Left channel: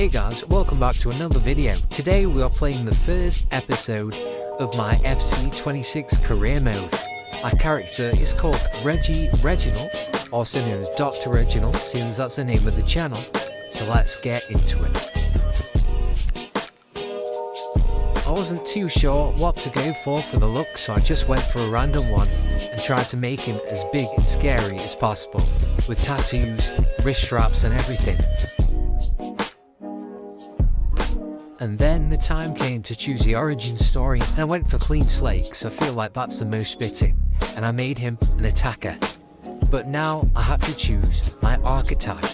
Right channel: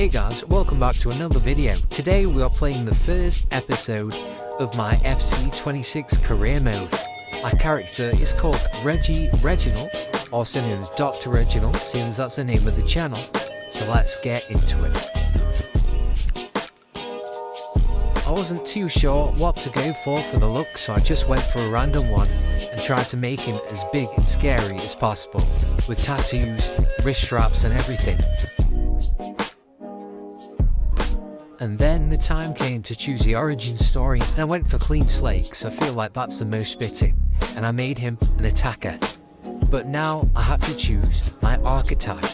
Hey guys, welcome back to another video. Today we are playing the first episode of my FC26 career mode. My character is called Reginald, also known as Dr. Reginald, seeing as that's the name of the channel. So let's get into it. I wasn't too sure what to go for the look, so I just went for a random one and tried to make him as big and scary as possible, with tattoos, wrist straps and everything. And then the time came to choose the origin story, and I went for clean slate because I feel like that's the most fitting, and I made him an attacker. But now I had to choose my archetype.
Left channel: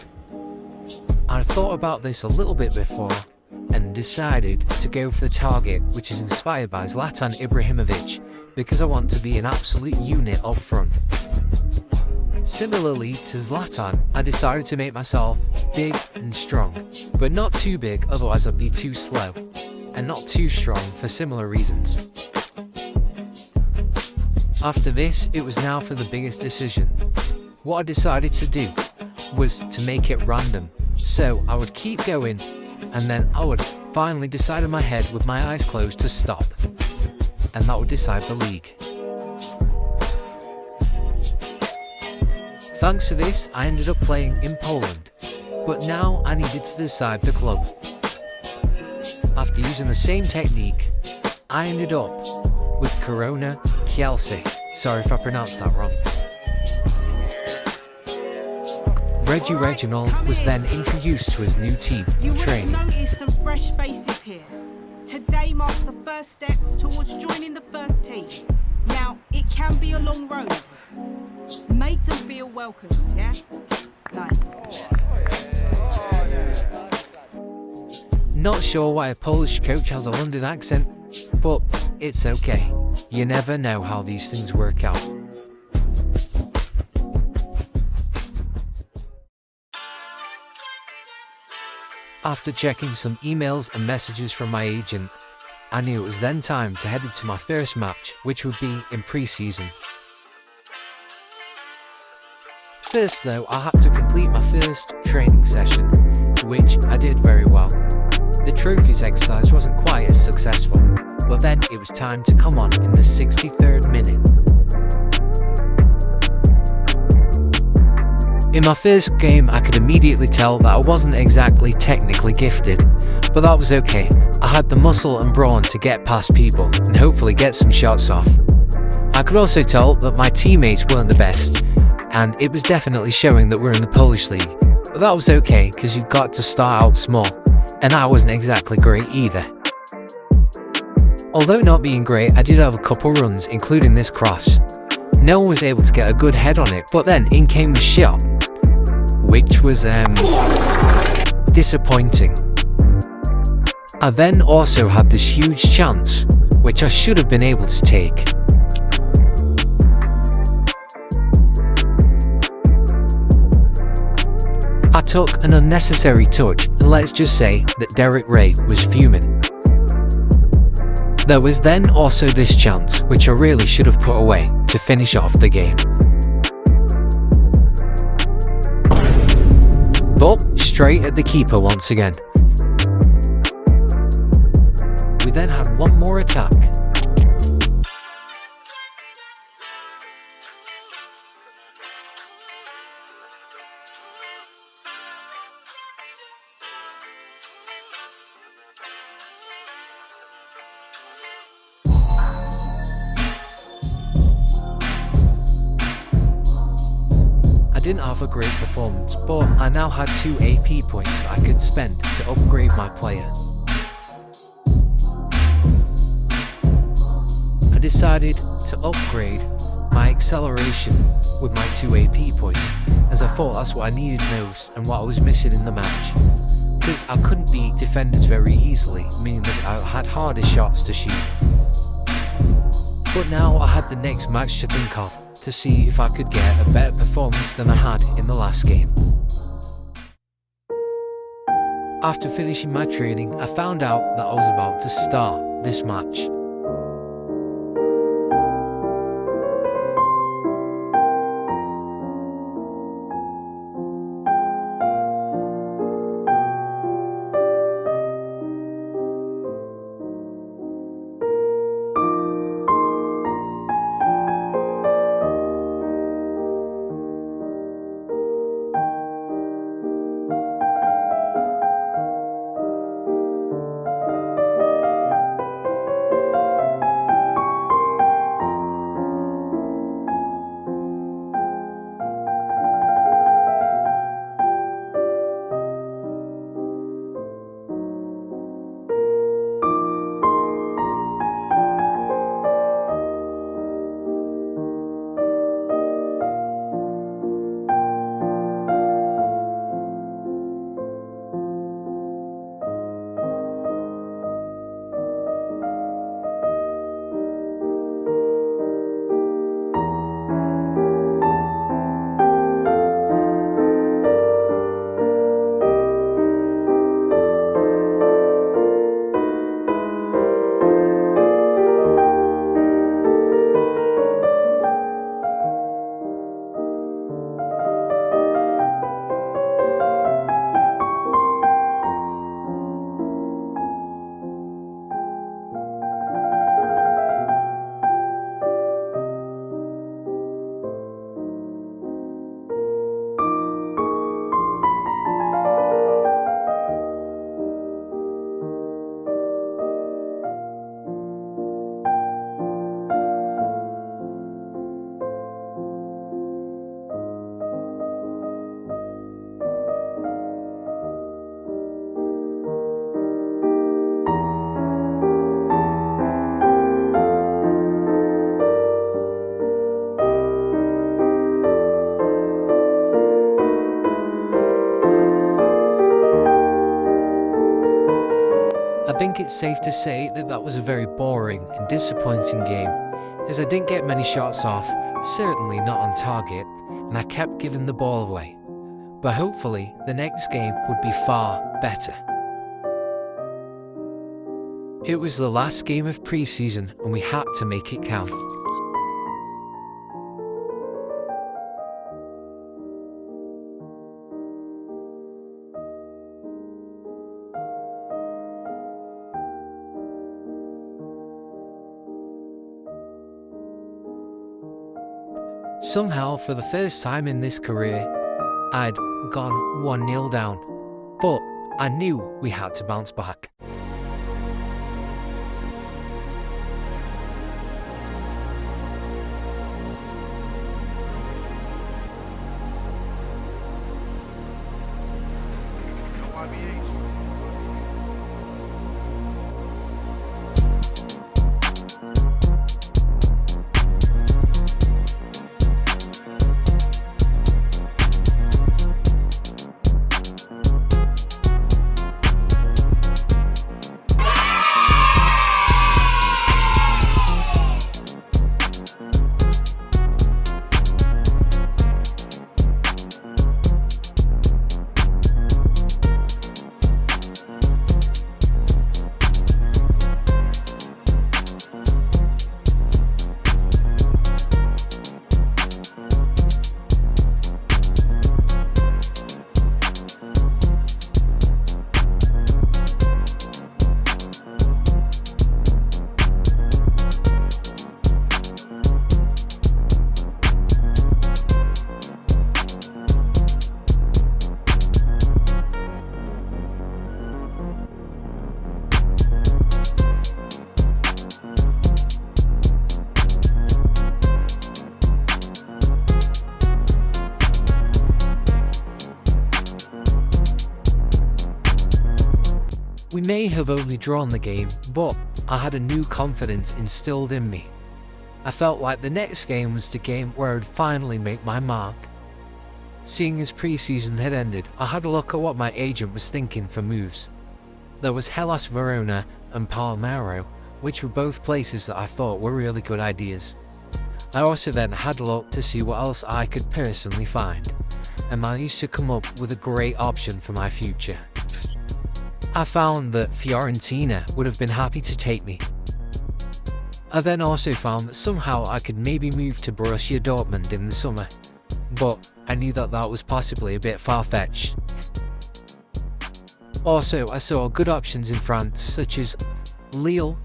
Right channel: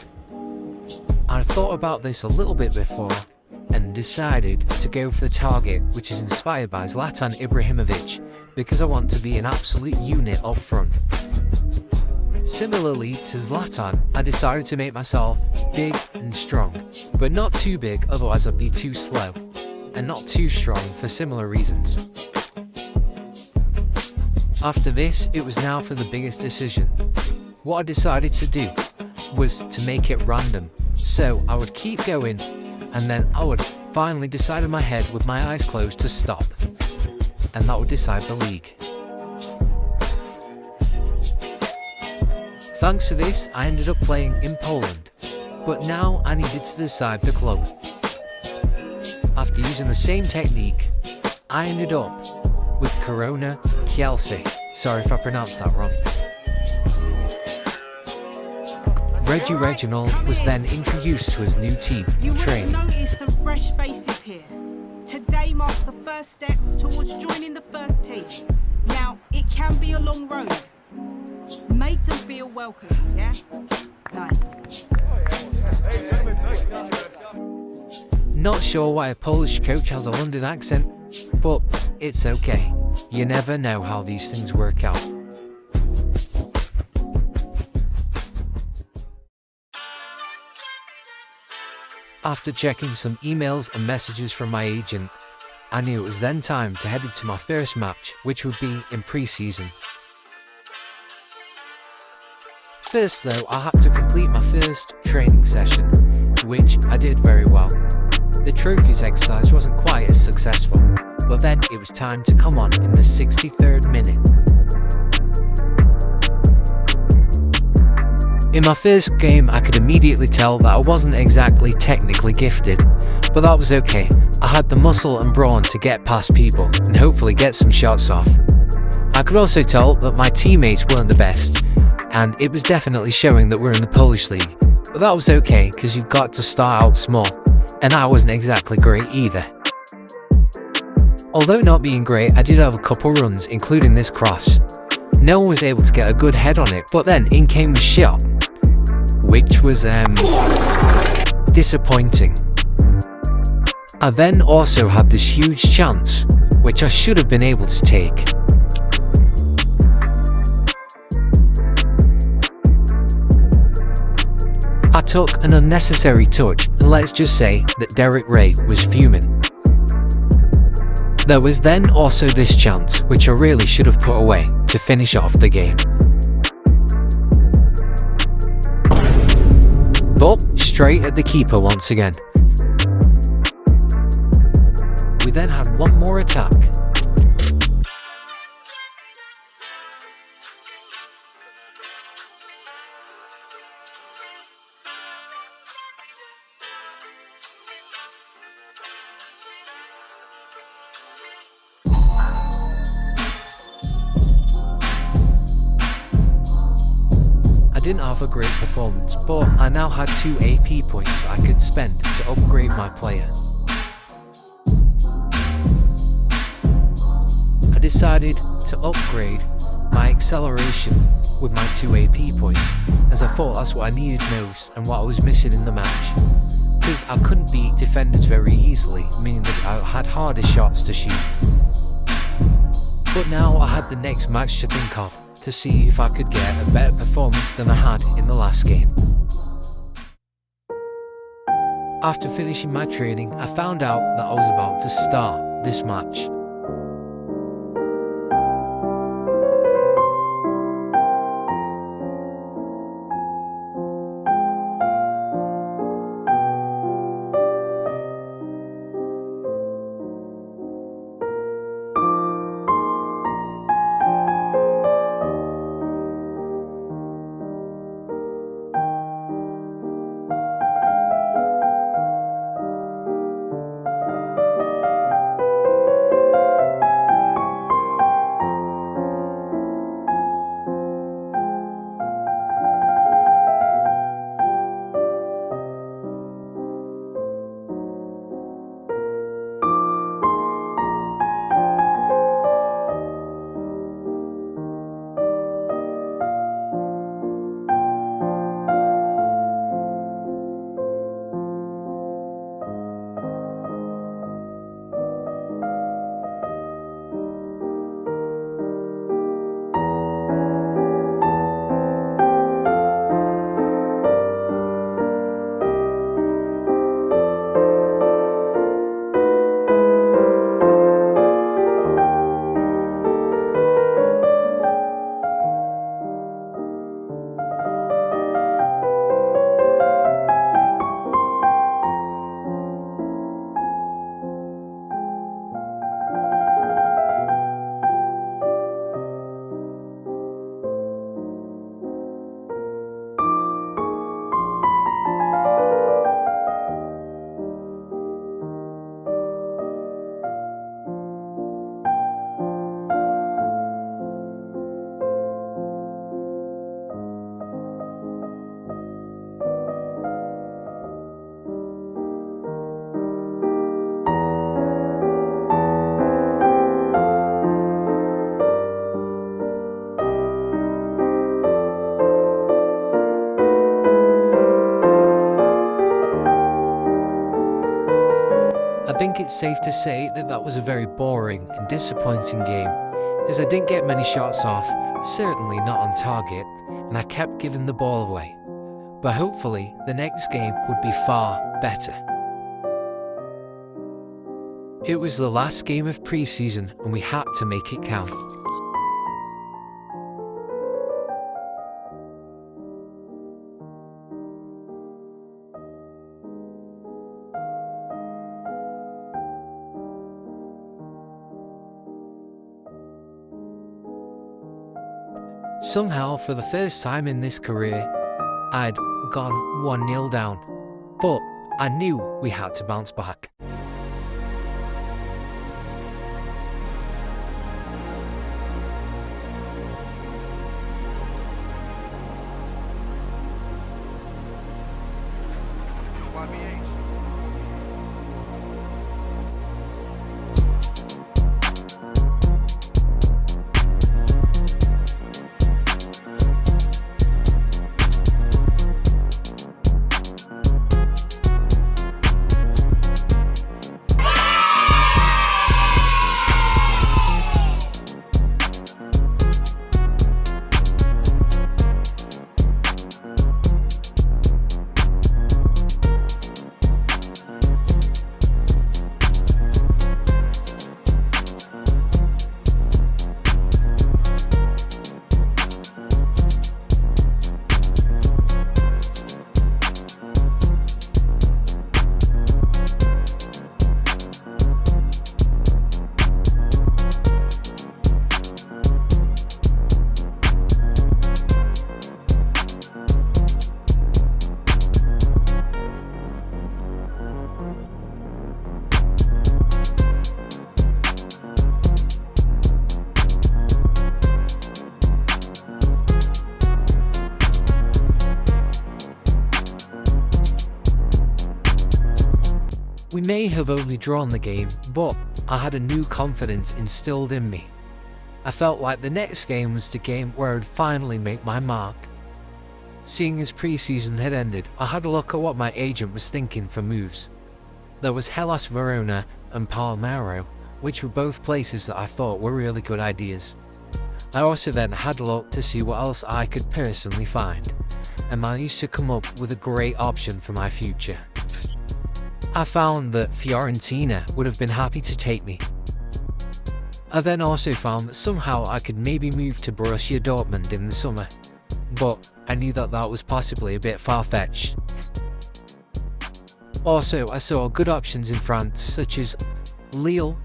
I thought about this a little bit before and decided to go for the target, which is inspired by Zlatan Ibrahimovic, because I want to be an absolute unit up front. Similarly to Zlatan, I decided to make myself big and strong, but not too big, otherwise I'd be too slow, and not too strong for similar reasons. After this, it was now for the biggest decision. What I decided to do was to make it random, so I would keep going, and then I would finally decide in my head with my eyes closed to stop, and that would decide the league. Thanks to this, I ended up playing in Poland, but now I needed to decide the club. After using the same technique, I ended up with Corona Kielce. Sorry if I pronounced that wrong. Reginald was then introduced to his new team, training. You will have noticed some fresh faces here. Today marks the first steps towards joining the first team. Now, it can be a long road. Make them feel welcomed, yeah? Nice. Not sure why a Polish coach has a London accent, but it's okay. You never know how these things work out. After checking some emails and messages from my agent, I knew it was then time to head into my first match, which would be in pre-season. First though, I had to complete my first training session, which I did very well. The trophies exercise wasn't quite as successful, but then it was time to come on in the 63rd minute. In my first game, I could immediately tell that I wasn't exactly technically gifted, but that was okay. I had the muscle and brawn to get past people and hopefully get some shots off. I could also tell that my teammates weren't the best, and it was definitely showing that we're in the Polish league, but that was okay because you've got to start out small, and I wasn't exactly great either. Although not being great, I did have a couple runs, including this cross. No one was able to get a good head on it, but then in came the shot, which was disappointing. I then also had this huge chance, which I should have been able to take. I took an unnecessary touch, and let's just say that Derek Ray was fuming. There was then also this chance, which I really should have put away, to finish off the game. But straight at the keeper once again. We then had one more attack. I didn't have a great performance, but I now had 2 AP points that I could spend to upgrade my player. I decided to upgrade my acceleration with my 2 AP points, as I thought that's what I needed most and what I was missing in the match. Because I couldn't beat defenders very easily, meaning that I had harder shots to shoot. But now I had the next match to think of, to see if I could get a better performance than I had in the last game. After finishing my training, I found out that I was about to start this match. I think it's safe to say that that was a very boring and disappointing game, as I didn't get many shots off, certainly not on target, and I kept giving the ball away. But hopefully, the next game would be far better. It was the last game of pre-season and we had to make it count. Somehow, for the first time in this career, I'd gone 1-0 down, but I knew we had to bounce back. We may have only drawn the game, but I had a new confidence instilled in me. I felt like the next game was the game where I'd finally make my mark. Seeing as pre-season had ended, I had a look at what my agent was thinking for moves. There was Hellas Verona and Palmero, which were both places that I thought were really good ideas. I also then had a look to see what else I could personally find, and managed to come up with a great option for my future. I found that Fiorentina would have been happy to take me. I then also found that somehow I could maybe move to Borussia Dortmund in the summer, but I knew that that was possibly a bit far-fetched. Also, I saw good options in France such as Lille,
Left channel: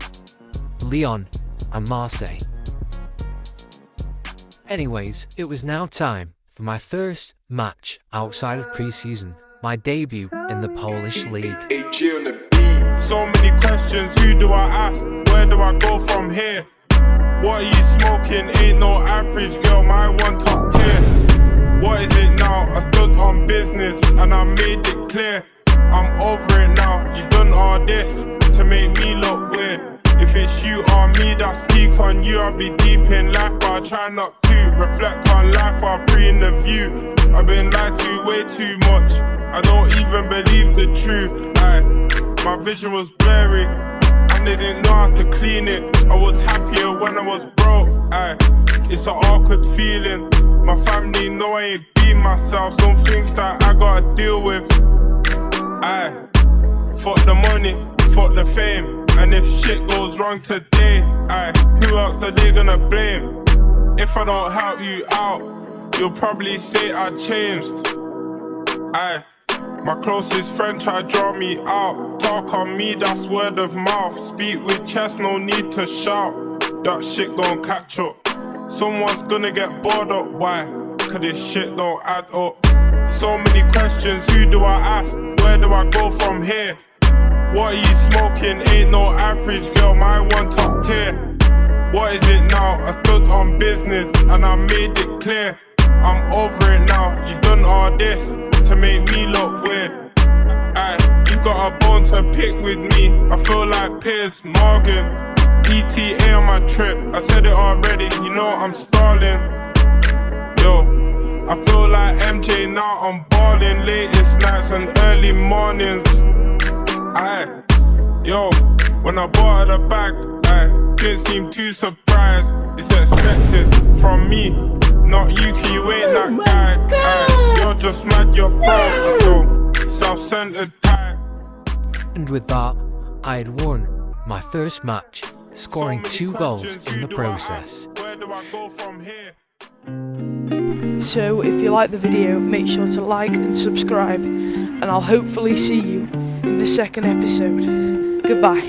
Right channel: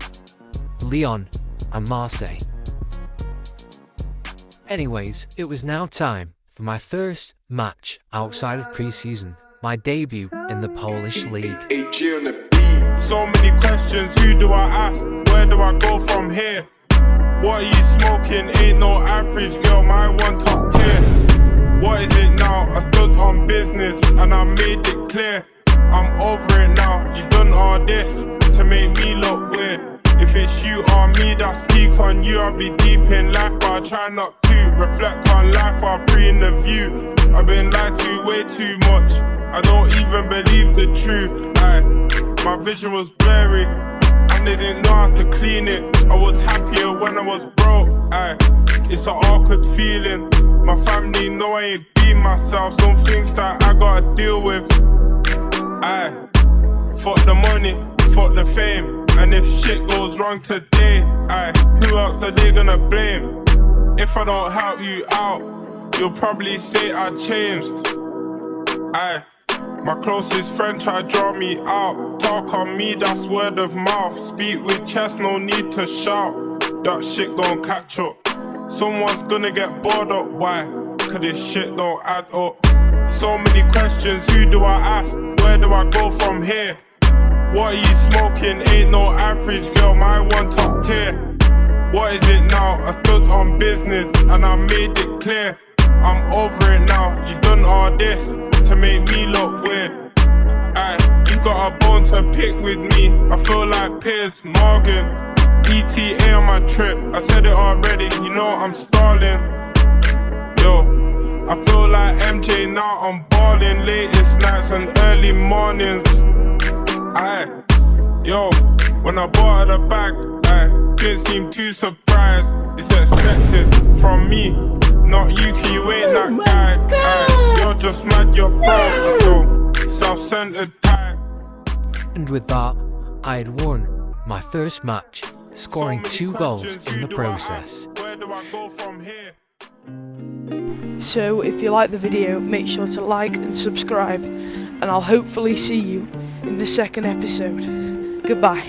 Lyon and Marseille. Anyways, it was now time for my first match outside of pre-season, my debut in the Polish league. So many questions, who do I ask? Where do I go from here? What are you smoking? Ain't no average girl, my one top tier. What is it now? I stood on business and I made it clear. I'm over it now, you done all this to make me look weird. If it's you or me, that's peak on you. I'll be deep in life, but I try not to reflect on life while breathing the view. I've been lied to way too much, I don't even believe the truth. My vision was blurry, and they didn't know how to clean it. I was happier when I was broke. It's an awkward feeling. My family know I ain't be myself. Some things that I gotta deal with. Fuck the money, fuck the fame. And if shit goes wrong today, who else are they gonna blame? If I don't help you out, you'll probably say I changed. My closest friend tried to draw me out. Talk on me, that's word of mouth. Speak with chest, no need to shout. That shit gon' catch up. Someone's gonna get bored up, why? Cause this shit don't add up. So many questions, who do I ask? Where do I go from here? What are you smoking? Ain't no average girl, my one top tier. What is it now? I stood on business and I made it clear. I'm over it now, you done all this to make me look weird. You got a bone to pick with me, I feel like Piers Morgan. ETA on my trip, I said it already, you know I'm stalling. Yo, I feel like MJ now, I'm balling. Latest nights and early mornings. Yo, when I bought her the bag, I didn't seem too surprised. It's expected from me, not you, 'cause you ain't that guy. You're just mad, you're broke, yo, self-centered type. And with that, I had won my first match, scoring 2 goals in the process. Where do I go from here? So if you like the video, make sure to like and subscribe, and I'll hopefully see you in the second episode. Goodbye.